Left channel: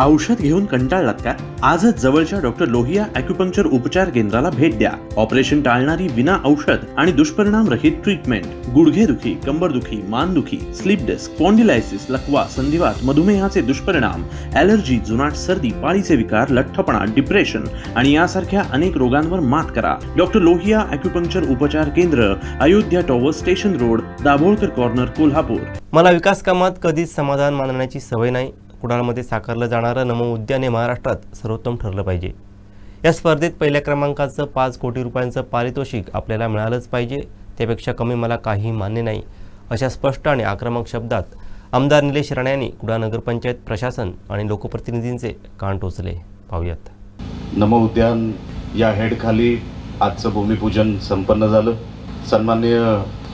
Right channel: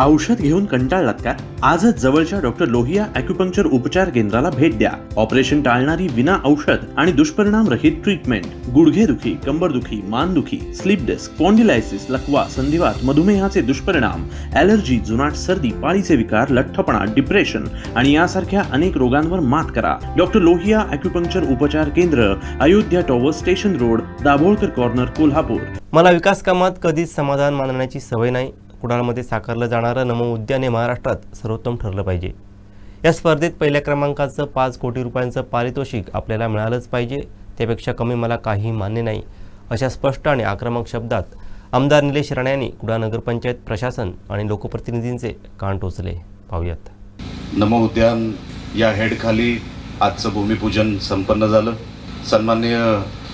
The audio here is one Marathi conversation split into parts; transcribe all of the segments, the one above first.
औषध घेऊन कंटाळलात का? आजच जवळच्या डॉक्टर लोहिया ॲक्युपंक्चर उपचार केंद्राला भेट द्या. ऑपरेशन टाळणारी विना औषध आणि दुष्परिणाम रहित ट्रीटमेंट. गुडघेदुखी, कंबरदुखी, मानदुखी, स्लीप डिस्क, स्पॉन्डिलायसिस, लकवा, संधिवात, मधुमेहाचे दुष्परिणाम, ॲलर्जी, जुनाट सर्दी, पाळीचे विकार, लठ्ठपणा, डिप्रेशन आणि यासारख्या अनेक रोगांवर मात करा. डॉक्टर लोहिया ॲक्युपंक्चर उपचार केंद्र, Ayodhya tower, station road, Dabholkar corner, Kolhapur. मला विकास कामात कधीच समाधान मानण्याची सवय नाही. कुडाळमध्ये साकारलं जाणारं नमो उद्यान हे महाराष्ट्रात सर्वोत्तम ठरलं पाहिजे. या स्पर्धेत पहिल्या क्रमांकाचं 5 कोटी रुपयांचं पारितोषिक आपल्याला मिळालंच पाहिजे. त्यापेक्षा कमी मला काही मान्य नाही, अशा स्पष्ट आणि आक्रमक शब्दात आमदार निलेश राणे यांनी कुडाळ नगरपंचायत प्रशासन आणि लोकप्रतिनिधींचे कान टोचले. पाहूयात. नमो उद्यान या हेडखाली आजचं भूमिपूजन संपन्न झालं. सन्माननीय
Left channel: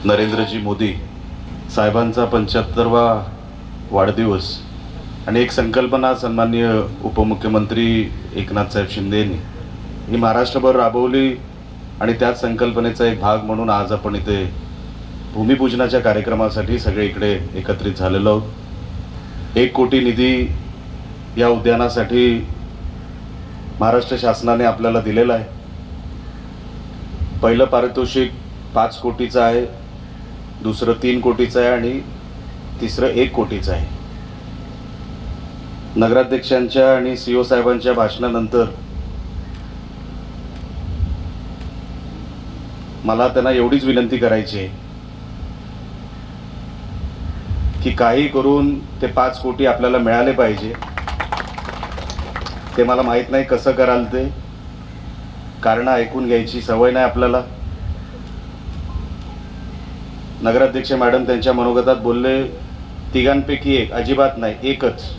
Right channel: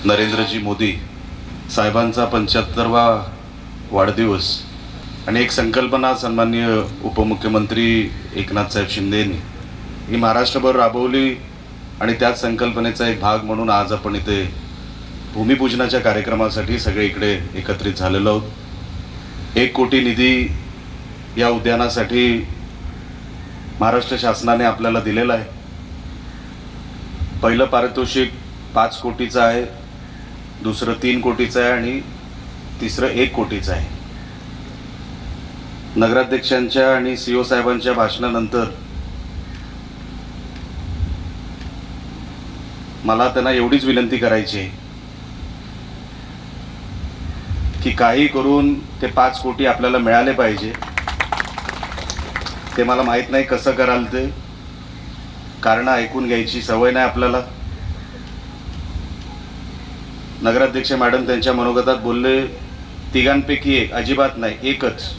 नरेंद्रजी मोदी साहेबांचा 75वा वाढदिवस आणि एक संकल्पना सन्माननीय उपमुख्यमंत्री एकनाथ साहेब शिंदे यांनी ही महाराष्ट्रभर राबवली आणि त्याच संकल्पनेचा एक भाग म्हणून आज आपण इथे भूमिपूजनाच्या कार्यक्रमासाठी सगळे इकडे एकत्रित झालेलो आहोत. 1 कोटी निधी या उद्यानासाठी महाराष्ट्र शासनाने आपल्याला दिलेला आहे. पहिलं पारितोषिक 5 कोटीचं आहे, दुसरं 3 कोटीचं आहे आणि तिसरं 1 कोटीचं आहे. नगराध्यक्षांच्या आणि CO साहेबांच्या भाषणानंतर मला त्यांना एवढीच विनंती करायची आहे की काही करून ते 5 कोटी आपल्याला मिळाले पाहिजे. ते मला माहीत नाही कसं कराल ते, कारण ऐकून घ्यायची सवय नाही आपल्याला. नगराध्यक्ष मॅडम त्यांच्या मनोगतात बोलले, तिघांपैकी एक, अजिबात नाही, एकच.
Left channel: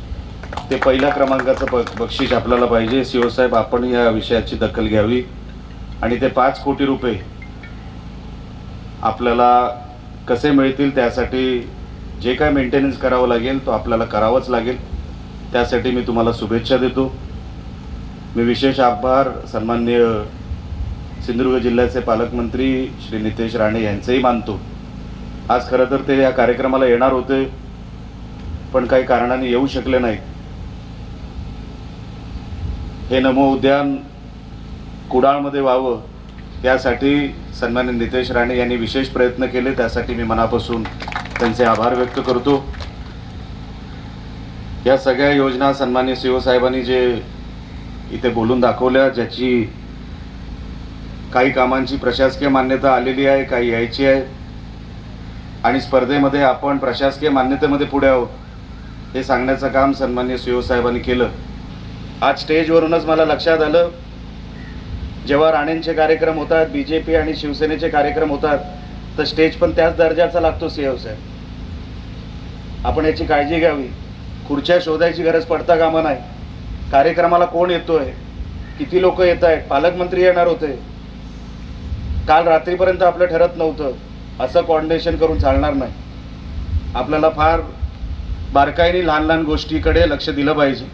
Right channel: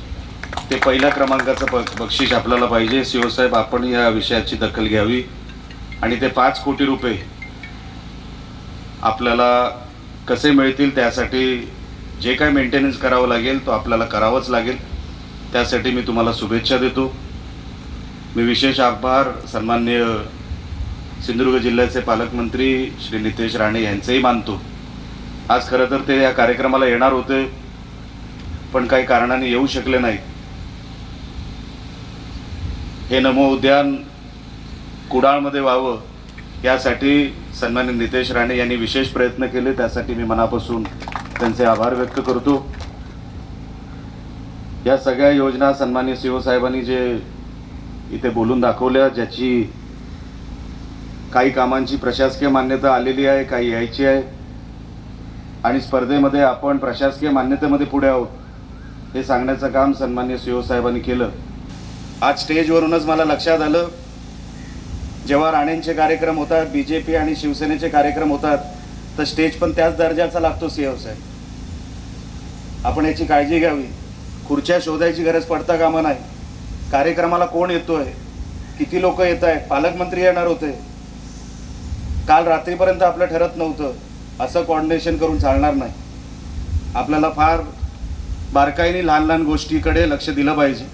ते पहिल्या क्रमांकाचं बक्षीस आपल्याला पाहिजे. CO साहेब आपण या विषयाची दखल घ्यावी आणि ते 5 कोटी रुपये आपल्याला कसे मिळतील त्यासाठी जे काय मेंटेनन्स करावं लागेल तो आपल्याला करावंच लागेल. त्यासाठी मी तुम्हाला शुभेच्छा देतो. मी विशेष आभार सन्माननीय सिंधुदुर्ग जिल्ह्याचे पालकमंत्री श्री नितेश राणे यांचेही मानतो. आज खरं तर ते या कार्यक्रमाला येणार होते पण काही कारणाने येऊ शकले नाही. हे नमो उद्यान कुडाळमध्ये व्हावं यासाठी सन्माननीय नितेश राणे यांनी विशेष प्रयत्न केले. त्यासाठी मी मनापासून त्यांचे आभार व्यक्त करतो. या सगळ्या योजना सन्माननीय CO साहेबांनी जे इथे बोलून दाखवल्या, ज्याची काही कामांची प्रशासकीय मान्यता आलेली आहे, काही यायची आहे आणि स्पर्धेमध्ये आपण प्रशासकीय मान्यतेमध्ये पुढे आहोत हे सांगण्याचं काम सन्माननीय CO साहेबांनी केलं. आज स्टेजवरूनच मला लक्षात आलं, जेव्हा राणेंचे कार्यक्रम होतात, BJP आणि शिवसेनेचे कार्यक्रम होतात, तर स्टेज पण त्याच दर्जाचा लागतो. CO साहेब, आपण याची काळजी घ्यावी. खुर्च्या शोधायची गरज पडता कामा नाही. कार्यक्रमाला कोण येतोय, किती लोक येत आहेत, पालकमंत्री येणार होते, काल रात्रीपर्यंत आपलं ठरत नव्हतं, असं कोऑर्डिनेशन करून चालणार नाही. आपल्याला फार बारकाईने लहान लहान गोष्टीकडे लक्ष दिलं पाहिजे.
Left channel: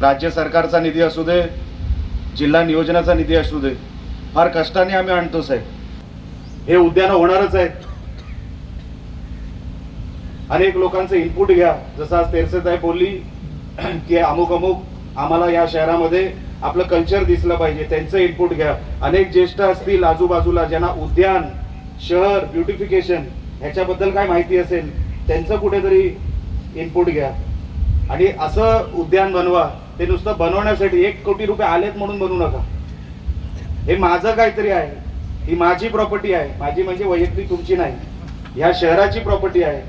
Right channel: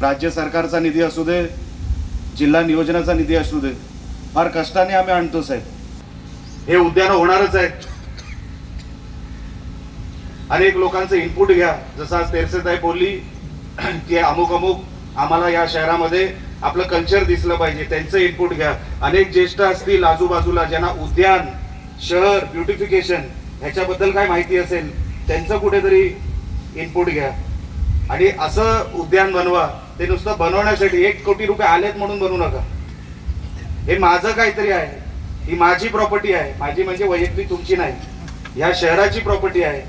राज्य सरकारचा निधी असू दे, जिल्हा नियोजनाचा निधी असू दे, फार कष्टाने आम्ही आणतो साहेब. हे उद्यान होणारच आहे. अनेक लोकांचं इनपुट घ्या. जसं आज तेरसेताई बोलली की अमुक अमुक आम्हाला या शहरामध्ये आपलं कल्चर दिसलं पाहिजे, त्यांचं इनपुट घ्या. अनेक ज्येष्ठ असतील आजूबाजूला ज्यांना उद्यान, शहर, ब्युटिफिकेशन ह्याच्याबद्दल काय माहिती असेल, त्यांचं कुठेतरी इनपुट घ्या आणि असं उद्यान बनवा. ते नुसतं बनवण्यासाठी 1 कोटी रुपये आलेत म्हणून बनवू नका. हे माझं काहीतरी आहे, ही माझी प्रॉपर्टी आहे. माझी म्हणजे वैयक्तिक, तुमची नाही, ह्या शहराची प्रॉपर्टी आहे.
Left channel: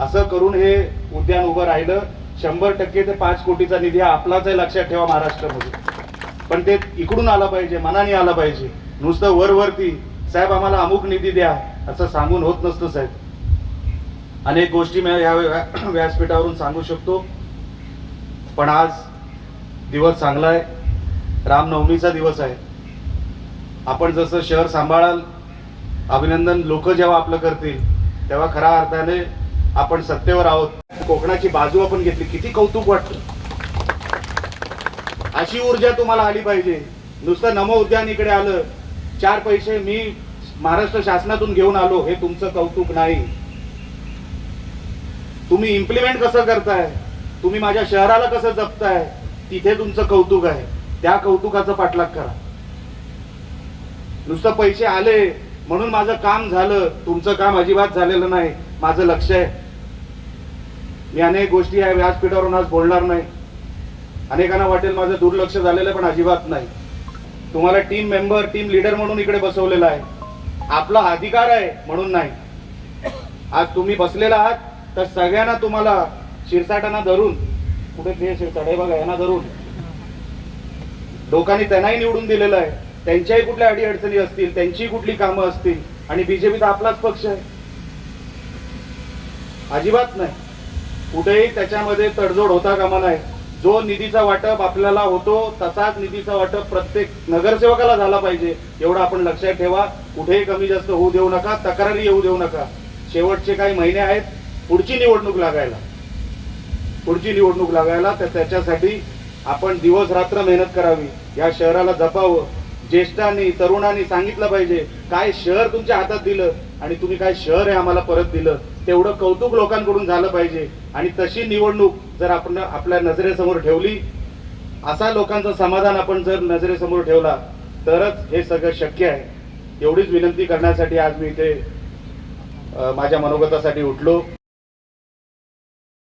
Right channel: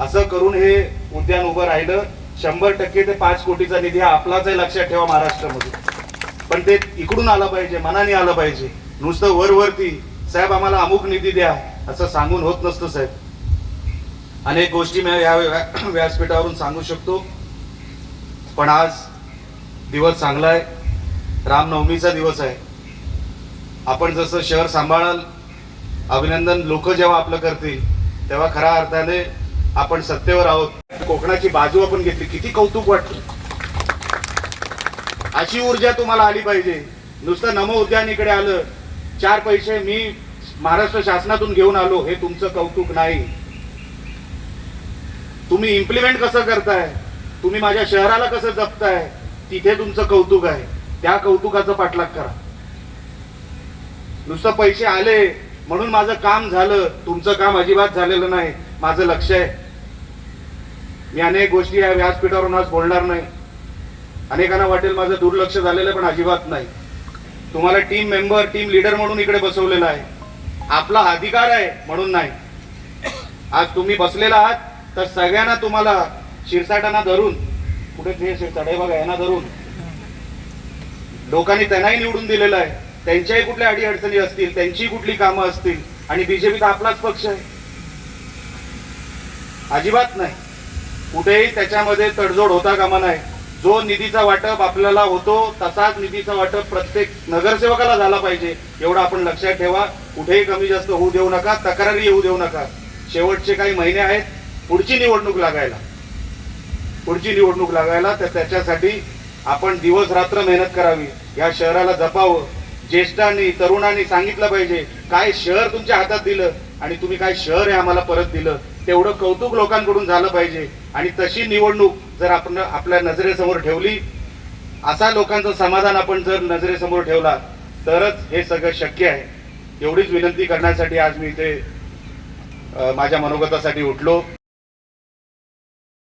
असं करून हे उद्यान उभं राहिलं. 100% ते 5 कोटीचा निधी हा आपलाच आहे, लक्षात ठेवा महाराष्ट्रामध्ये. पण ते इकडून आलं पाहिजे, मनाने आलं पाहिजे. नुसतं वरवरती साहेब आम्हाला अमुक निधी द्या असं सांगून होत नसतं साहेब. अनेक गोष्टी मी या व्यासपीठावरून सांगू शकतो, पण आज दिवस चांगला आहे. रामनवमीचा दिवस आहे. आपण जसं शहर सांभाळाल, अभिनंदन लोक जेव्हा आपलं करतील तेव्हा खऱ्या अर्थाने आपण सत्तेवर आहोत. कोकणाची बाजू आपण घेतली, किती कौतुक वाटतं. अशी ऊर्जा तुम्हाला आली पाहिजे. नुसतं नमो उद्यान इकडे आलं, 4 पैसे मी महाराष्ट्र शासनातून घेऊन आलो, हे तुमचं कौतुक नाही. तुम्ही इम्प्लिमेंट कसं करताय, तुम्ही माझ्या शहराला कसं जपताय तिथे तुमचं कौतुक आहे, त्या कौतुकाचा पाठलाग करा. नुसतं पैसे आले म्हणून माझं काम झालं, तुमचं काम अजिबात झालेलं नाही. माझं लक्ष आहे. मी अनेक गोष्टी या व्यासपीठावरून आज बोलणार नाही. अनेकांना वाटेल माझं दुर्लक्ष झालेलं, पण अजिबात नाही. तुम्हाला टीम मेंबर, टीम लीडर म्हणून इकडे बसवलेलं आहे. आपला अधिकार आहे म्हणून नाही. आज तुम्ही बसलेला आहात तर सगळ्यांना तुम्हाला शिरसाटांना धरून, कुठे ते शिरसाट आहे बघा, यांना धरून लोकांनी त्यांनाही निवडून दिलेलं आहे. त्यांच्याही कुठल्या अडीअडचणी असतील, त्यांची कुठली कामं असतील, आणि बीजेपी तर आपलाच पक्ष आहे. अजिबात नाही. कुठेही त्याच्यामध्ये तडजोड होता कामा नाही. जो निधीचा वाटप आपल्याला होतो तसाच निधीचा वाटप प्रत्येक नगरसेवकाला झाला पाहिजे, एवढं आपण लक्षात ठेवा. कुठेही कमी जास्त होऊ देऊ नका, तक्रारी येऊ देऊ नका. शेवटचे काही महिने आहेत पुढची निवडणूक लागायला, तर त्याच्यासाठी आपण दिवस रात्र मेहनत करावी. या शहराला जपावं. ज्येष्ठांनी, तरुणांनी सांगितलं पाहिजे काय शहर तुमच्या हातात दिलं आणि तुम्ही काय शहर आहे आम्हाला परत दिलं, तेवढं कौतुक लोकांकडून झालं पाहिजे. आणि तशी निवडणूक जर आपण आपल्या नजरेसमोर ठेवली, असा लोकांचं समाधान आपण जर नजरेसमोर ठेवला, तरच हे सगळं शक्य आहे. एवढीच विनंती करण्यासाठी आज मी इथे माझ्या मनोगतासाठी उठलो.